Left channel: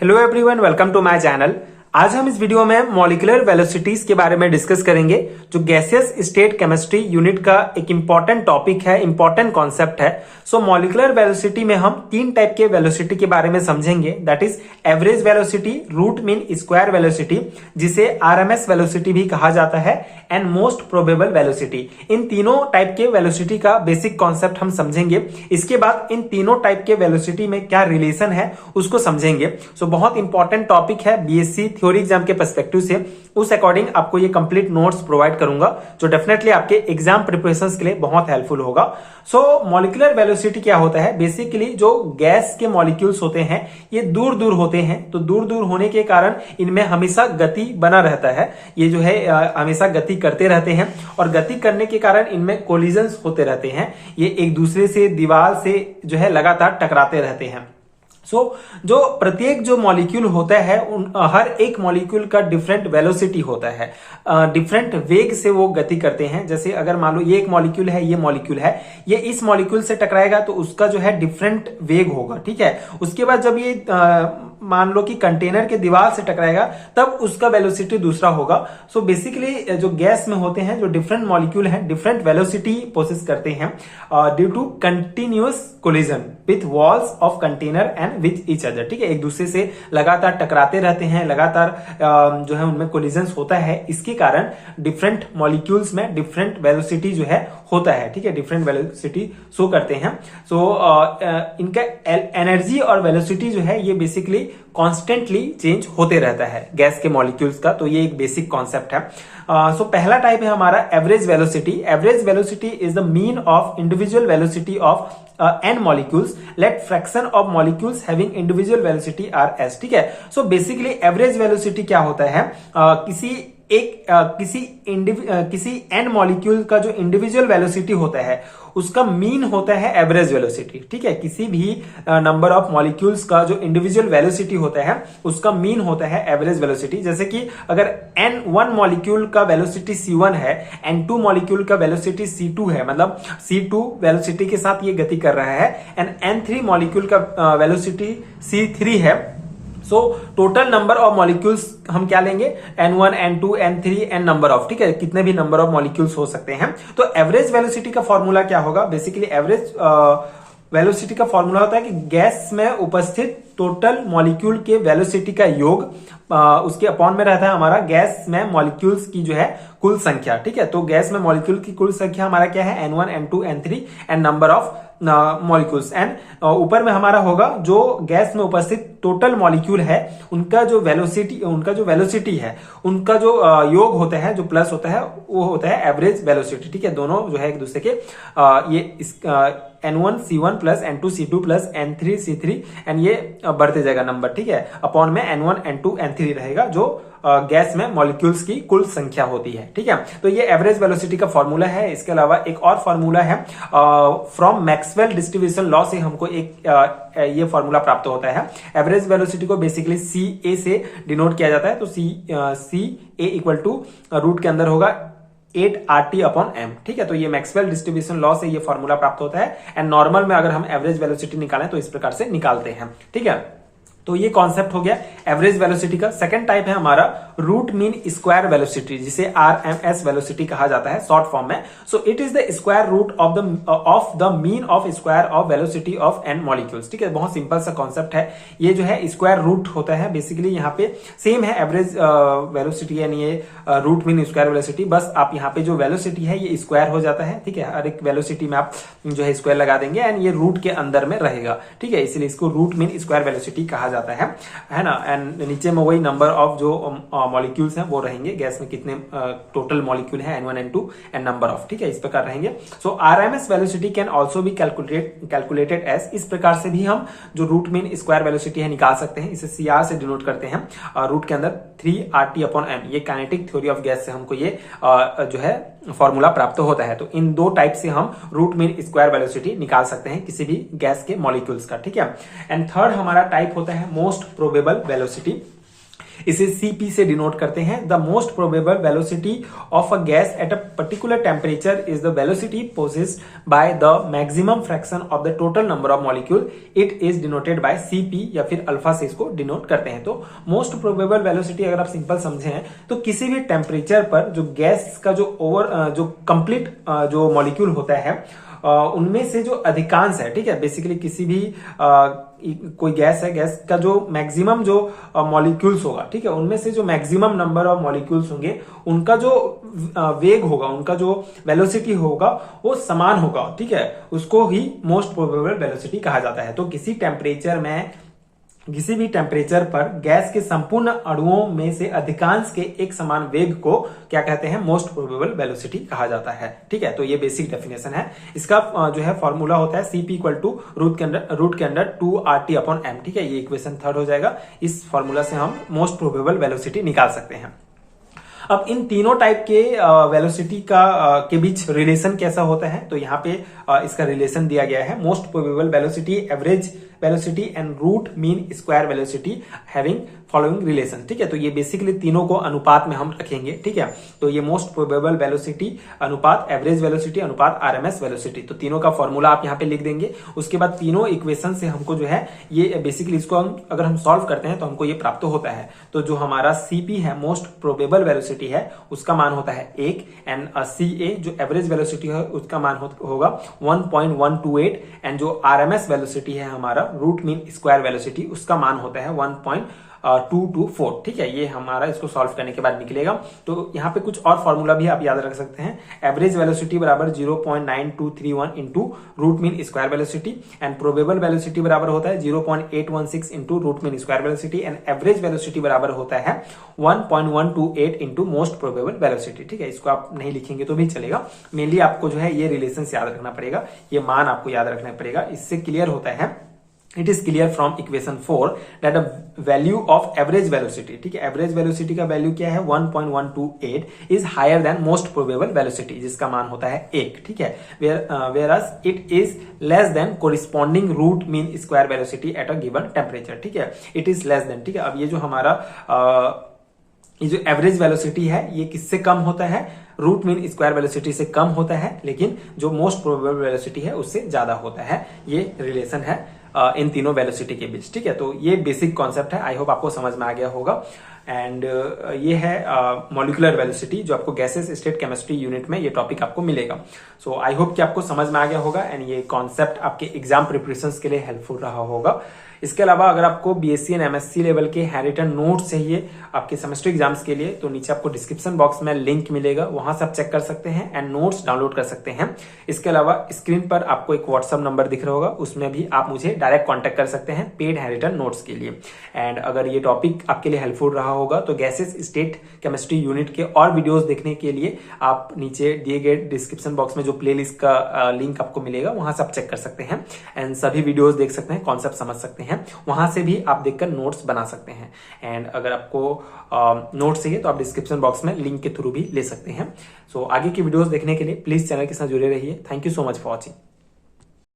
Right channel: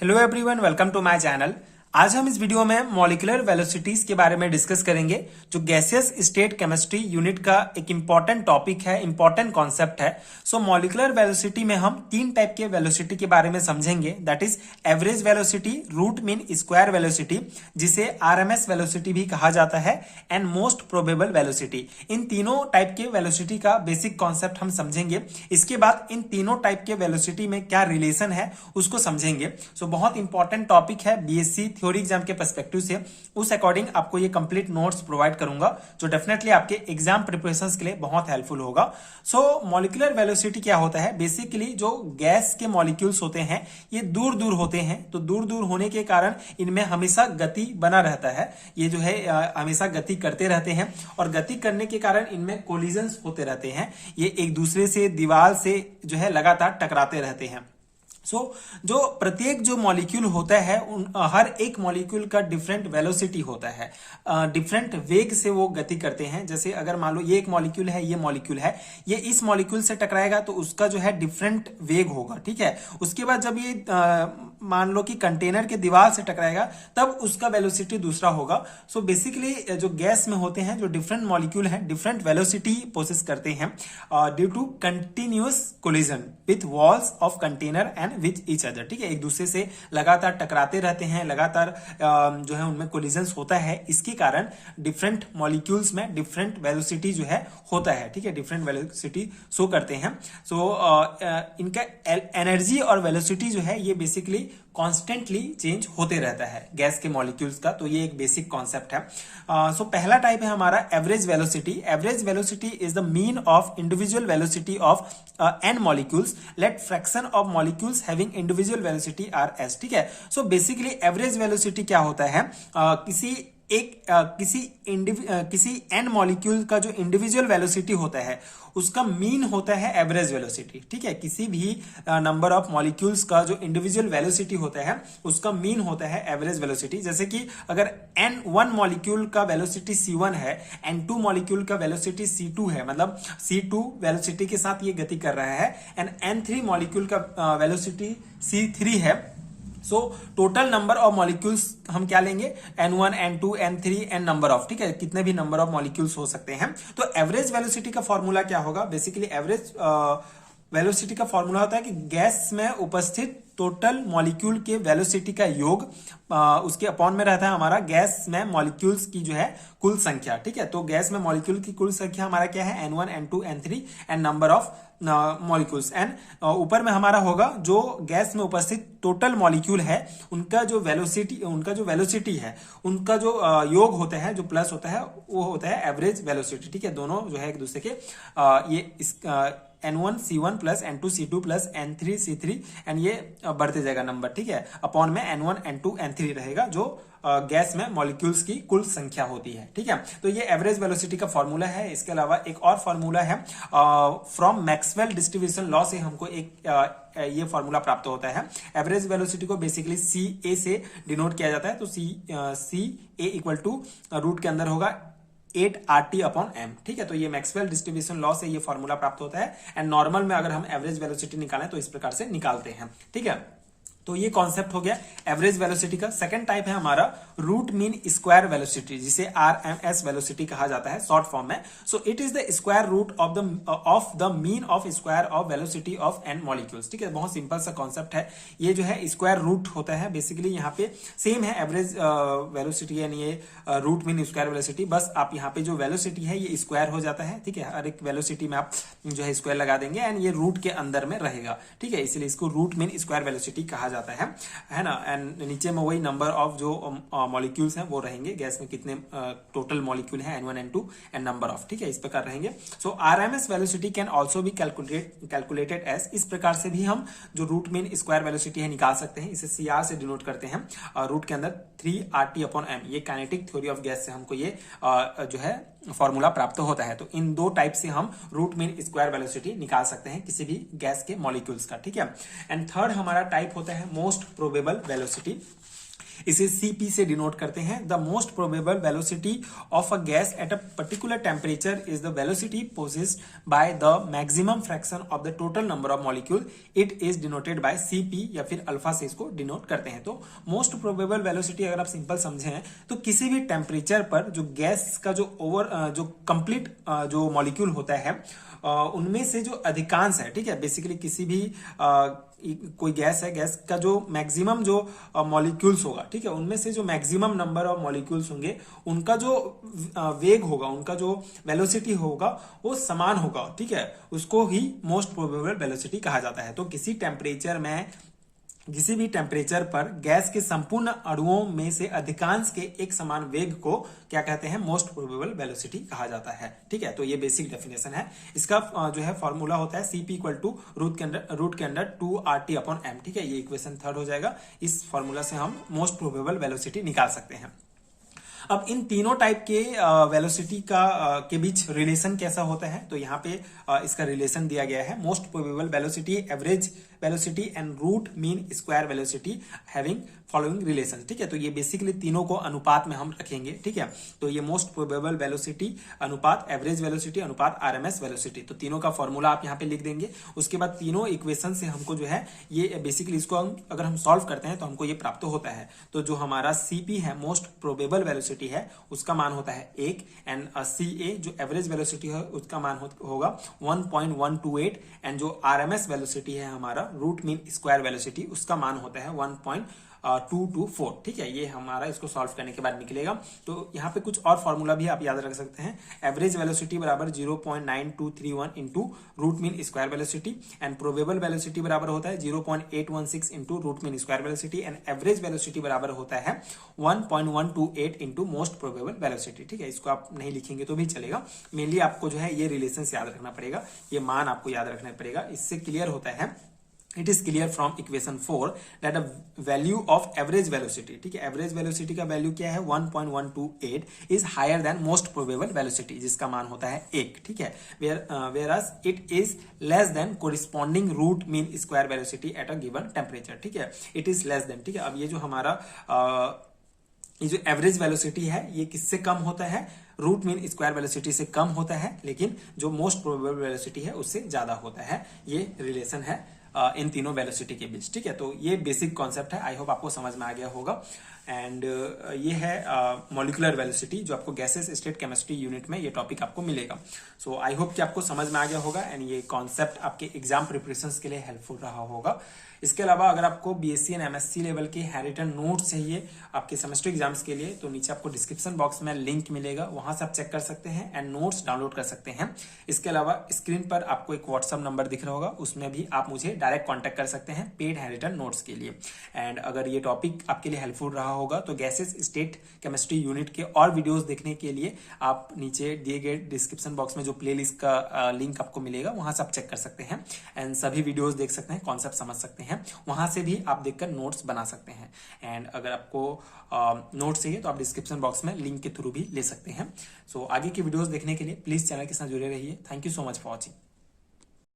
Hello everyone, welcome to my channel. आज हम इस वीडियो में मॉलिक्यूलर वेलोसिटीज के बारे में डिस्कस करेंगे, जो गैसियस स्टेट केमिस्ट्री यूनिट का एक इंपॉर्टेंट टॉपिक है, इंपॉर्टेंट कॉन्सेप्ट है। सो मॉलिक्यूलर वेलोसिटी में हम तीन टाइप के वेलोसिटी के बारे में समझेंगे, that is average velocity, root mean square velocity, जिसे आरएमएस वेलोसिटी भी कहा जाता है, एंड मोस्ट प्रोबेबल वेलोसिटी। इन तीनों टाइप के वेलोसिटी का बेसिक कॉन्सेप्ट हम समझेंगे। इसके बाद इन तीनों टाइप के वेलोसिटी में क्या रिलेशन है उसको समझेंगे। सो बहुत इंपॉर्टेंट टॉपिक है बीएससी थ्योरी एग्जाम के पर्सपेक्टिव से। उस अकॉर्डिंग आपको ये कंप्लीट नोट्स प्रोवाइड करूंगा, जो डेफिनेटली आपके एग्जाम प्रिपरेशंस के लिए बहुत हेल्पफुल होगा। सो मॉलिक्यूलर वेलोसिटी क्या होता है? बेसिकली जो गैस के मॉलिक्यूल्स होते हैं ये दूर दूर होते हैं, तो दूर दूर होने के कारण इनमें हमेशा गति बना रहता है। ये जो है हमेशा गति करते रहते हैं, और गति करने के कारण इनमें कोलिजन्स होते रहते हैं। ये एक दूसरे से, दीवार से जो है लगातार टकराते रहते हैं। जो प्रत्येक जो मॉलिक्यूल होता है हर एक मॉलिक्यूल का डिफरेंट वेलोसिटी होता है, डिफरेंट वेग से वो गति करते हैं। जैसे अगर मान लो ये एक मॉलिक्यूल है, ये मॉलिक्यूल है, ये इस मॉलिक्यूल से टकराएगा तो उसका जो है डिफरेंट वेग होगा, ठीक है। उसके बाद जब ये मान लो कि कंटेनर के दीवार से टकराएगा तब उसका वेलोसिटी दूसरा होगा। सो बेसिकली जो गैस में होते हैं, जो डिफरेंट मॉलिक्यूल हैं, डिफरेंट वेलोसिटी प्रोसेस करते हैं due to continuous collision with walls of container and with each other, ठीक है। एक दूसरे से लगातार टकराते रहते हैं, लगातार जो है उनमें कोलिजन्स होता है। इसके कारण डिफरेंट मॉलिक्यूल्स में डिफरेंट वेलोसिटी जो है होता है, ठीक है, डिफरेंट वेलोसिटी शो करते हैं। सो इनका एनर्जी और वेलोसिटी जो है ये बेसिकली कॉन्स्टेंटली चेंज होते रहता है गैस के मॉलिक्यूल्स का। तो ये एक बेसिक कॉन्सेप्ट है। सो पहला टाइप है हमारा average velocity. Average velocity is the mean of individual velocity of n molecules, let fraction of molecules having individual velocity are s, ठीक है। सो बेसिकली एवरेज वेलोसिटी क्या होता है? किसी n मॉलिक्यूल का जो इंडिविजुअल वेलोसिटी होता है उसका मीन होता है एवरेज वेलोसिटी, ठीक है। किसी भी नंबर ऑफ मॉलिक्यूल्स का जो इंडिविजुअल वेलोसिटी होता है उसका मीन होता है एवरेज वेलोसिटी। जैसे कि अगर n1 मॉलिक्यूल का वेलोसिटी c1 है, n2 मॉलिक्यूल का वेलोसिटी c2 है, मतलब c2 वेलोसिटी के साथ ये गति कर रहा है, एंड n3 मॉलिक्यूल का वेलोसिटी c3 है। So total number of molecules हम क्या लेंगे? n1, n2, n3, n number of, ठीक है, कितने भी नंबर ऑफ मॉलिक्यूल्स हो सकते हैं। तो एवरेज वेलोसिटी का फॉर्मूला क्या होगा? बेसिकली एवरेज वेलोसिटी का फॉर्मूला होता है कि गैस में उपस्थित टोटल मॉलिक्यूल के वेलोसिटी का योग उसके अपॉन में रहता है हमारा गैस में मॉलिक्यूल्स की जो है कुल संख्या, ठीक है। तो गैस में मॉलिक्यूल की कुल संख्या हमारा क्या है? n1, n2, n3 and number of molecules, and ऊपर में हमारा होगा जो गैस में उपस्थित टोटल मॉलिक्यूल है उनका जो वेलोसिटी है, उनका जो योग होता है, जो प्लस होता है, वो होता है एवरेज वेलोसिटी, ठीक है। दोनों जो है एक दूसरे के ये n1 c1 plus n2 c2 plus n3 c3 and ये बढ़ते जाएगा नंबर, ठीक है, अपॉन में n1 n2 n3 रहेगा, जो गैस में मॉलिक्यूल्स की कुल संख्या होती है, ठीक है। तो ये एवरेज वेलोसिटी का फॉर्मूला है। इसके अलावा एक और फॉर्मूला है, फ्रॉम मैक्सवेल डिस्ट्रीब्यूशन लॉ से हमको एक ये फॉर्मूला प्राप्त होता है। एवरेज वेलोसिटी को बेसिकली सी ए से डिनोट किया जाता है। तो सी ए इक्वल टू रूट के अंदर होगा 8RT अपॉन m, ठीक है। तो ये मैक्सवेल डिस्ट्रीब्यूशन लॉ से ये फॉर्मूला प्राप्त होता है, एंड नॉर्मल में अगर हम एवरेज वेलोसिटी निकालें तो इस प्रकार से निकालते हैं, ठीक है। तो ये कॉन्सेप्ट हो गया एवरेज वेलोसिटी का। सेकंड टाइप है हमारा रूट मीन स्क्वायर वेलोसिटी, जिसे आरएमएस वेलोसिटी कहा जाता है शॉर्ट फॉर्म में। So it is the square root of the mean of square of velocity of n molecules, ठीक है। बहुत सिंपल सा कॉन्सेप्ट है। ये जो है स्क्वायर रूट होता है, बेसिकली यहाँ पे सेम है एवरेज वेलोसिटी यानी ये रूट मीन स्क्वायर वेलोसिटी, बस आप यहाँ पे जो वेलोसिटी है ये स्क्वायर हो जाता है, ठीक है। हर एक वेलोसिटी में आप जो है स्क्वायर लगा देंगे एंड ये रूट के अंदर में रहेगा, ठीक है। इसलिए इसको रूट मीन स्क्वायर वेलोसिटी कहा जाता है ना। एंड नीचे में वही नंबर ऑफ जो मॉलिक्यूल्स हैं वो रहेंगे, गैस में कितने टोटल मॉलिक्यूल हैं n1 n2 and number of, ठीक है, इस प्रकार रहेंगे। So RMS velocity can also be calculated as, इस प्रकार से भी हम जो रूट मीन स्क्वायर वेलोसिटी है निकाल सकते हैं। इसे CR से डिनोट करते हैं, रूट के अंदर 3RT अपॉन m। ये काइनेटिक थ्योरी ऑफ गैस से हमको ये जो है फॉर्मूला प्राप्त होता है। तो इन दो टाइप से हम रूट मीन स्क्वायर वेलोसिटी निकाल सकते हैं किसी भी गैस के मॉलिक्यूल्स का, ठीक है। एंड थर्ड हमारा टाइप होता है मोस्ट प्रोबेबल वेलोसिटी। इसे Cp से डिनोट करते हैं। The most probable velocity of a gas at a particular temperature is the velocity possessed by the maximum fraction of the total number of molecule, it is denoted by Cp या फिर alpha से इसको denote करते हैं। तो most probable velocity अगर आप simple समझे तो किसी भी टेम्परेचर पर जो गैस का जो कंप्लीट जो मॉलिक्यूल होता है उनमें से जो अधिकांश है, ठीक है, बेसिकली किसी भी कोई गैस है, गैस का जो मैक्सिमम जो मॉलिक्यूल्स होगा, ठीक है, उनमें से जो मैक्सिमम नंबर ऑफ मॉलिक्यूल्स होंगे उनका जो वेग होगा, उनका जो वेलोसिटी होगा वो समान होगा, ठीक है, उसको ही मोस्ट प्रोबेबल वेलोसिटी कहा जाता है। तो किसी भी टेम्परेचर पर गैस के संपूर्ण अणुओं में से अधिकांश के एक समान वेग को क्या कहते हैं, मोस्ट प्रोबेबल वेलोसिटी कहा जाता है। ठीक है, तो ये बेसिक डेफिनेशन है। इसका जो है फॉर्मूला होता है Cp इक्वल टू रूट के अंडर 2RT अपॉन m। ठीक है, ये इक्वेशन 3 हो जाएगा। इस फॉर्मूला से हम मोस्ट प्रोबेबल वेलोसिटी निकाल सकते हैं। अब इन तीनों टाइप के वेलोसिटी के बीच रिलेशन कैसा होता है, तो यहाँ पे इसका रिलेशन दिया गया है। Most probable velocity, average velocity and root mean square velocity having following relation. ठीक है, तो ये बेसिकली तीनों को अनुपात में हम रखेंगे। ठीक है, तो ये मोस्ट प्रोबेबल वेलोसिटी अनुपात एवरेज वेलोसिटी अनुपात आरएमएस वेलोसिटी, तो तीनों का फॉर्मूला आप यहाँ पे लिख देंगे। उसके बाद तीनों इक्वेशन से हमको जो है ये बेसिकली इसको अगर हम सॉल्व करते हैं तो हमको ये प्राप्त होता है। तो जो हमारा Cp है मोस्ट प्रोबेबल वेलोसिटी है, उसका मान होता है 1 एंड Ca जो एवरेज वेलोसिटी है उसका मान होगा 1.128 एंड जो आरएमएस वेलोसिटी है हमारा रूट मीन स्क्वायर वेलोसिटी, उसका मान होता है 1.224। ठीक है, ये हमारा इसको सॉल्व करने के बाद निकलेगा। तो यहाँ पे कुछ और फॉर्मूला भी आप याद रख सकते हैं। एवरेज वेलोसिटी बराबर 0.9231 into root mean square velocity and probable velocity बराबर होता है 0.816 into root mean square velocity and average velocity बराबर होता है 1.128 इंटू मोस्ट प्रोबेबल वेलोसिटी। ठीक है, इसको आप नहीं लिखेंगे तो भी चलेगा। मेनली आपको जो है ये रिलेशन याद रखना पड़ेगा, ये मान आपको याद रखना पड़ेगा। इससे क्लियर होता है, it is clear from equation 4 that a value of average velocity, ठीक है, एवरेज वेलोसिटी का वैल्यू क्या है 1.128 is higher than most probable velocity, जिसका मान होता है 1। ठीक है, whereas it is less than corresponding root mean square velocity at a given temperature. ठीक है, इट इज लेस देन। ठीक है, अब ये जो हमारा ये जो एवरेज वेलोसिटी है ये किससे कम होता है, रूट मीन स्क्वायर वेलोसिटी से कम होता है, लेकिन जो मोस्ट प्रोबेबल वेलोसिटी है उससे ज्यादा होता है। ये रिलेशन है इन तीनों वेलोसिटी के बीच। ठीक है, तो ये बेसिक कॉन्सेप्ट है। आई होप आपको समझ में आ गया होगा। एंड ये है मॉलिक्यूलर वेलोसिटी, जो आपको गैसेस स्टेट केमिस्ट्री यूनिट में ये टॉपिक आपको मिलेगा। सो आई होप कि आपको समझ में आ गया होगा एंड ये कॉन्सेप्ट आपके एग्जाम प्रिपरेशन के लिए हेल्पफुल रहा होगा। इसके अलावा अगर आपको बीएससी एंड एमएससी लेवल के हैंडरिटन नोट्स चाहिए आपके सेमेस्टर एग्जाम्स के लिए, तो नीचे आपको डिस्क्रिप्शन बॉक्स में लिंक मिलेगा, वहां से आप चेक कर सकते हैं एंड नोट्स डाउनलोड कर सकते हैं। इसके अलावा स्क्रीन पर आपको एक व्हाट्सएप नंबर दिख रहा होगा, उसमें भी आप मुझे डायरेक्ट कॉन्टेक्ट कर सकते हैं पेड हैंडरिटन नोट्स के लिए। एंड अगर ये टॉपिक आपके लिए हेल्पफुल रहा होगा तो गैसेस स्टेट केमिस्ट्री यूनिट के और वीडियोस देखने के लिए आप नीचे दिए गए डिस्क्रिप्शन बॉक्स में जो प्लेलिस्ट का लिंक आपको मिलेगा वहां से आप चेक कर सकते हैं एंड सभी वीडियोस देख सकते हैं, कॉन्सेप्ट समझ सकते हैं। वहां से भी आप देखकर नोट्स बना सकते हैं। एंड अगर आपको नोट्स चाहिए तो आप डिस्क्रिप्शन बॉक्स में लिंक के थ्रू भी ले सकते हैं। सो आगे की वीडियोस देखने के लिए प्लीज चैनल के साथ जुड़े रहिए। Thank you so much for watching.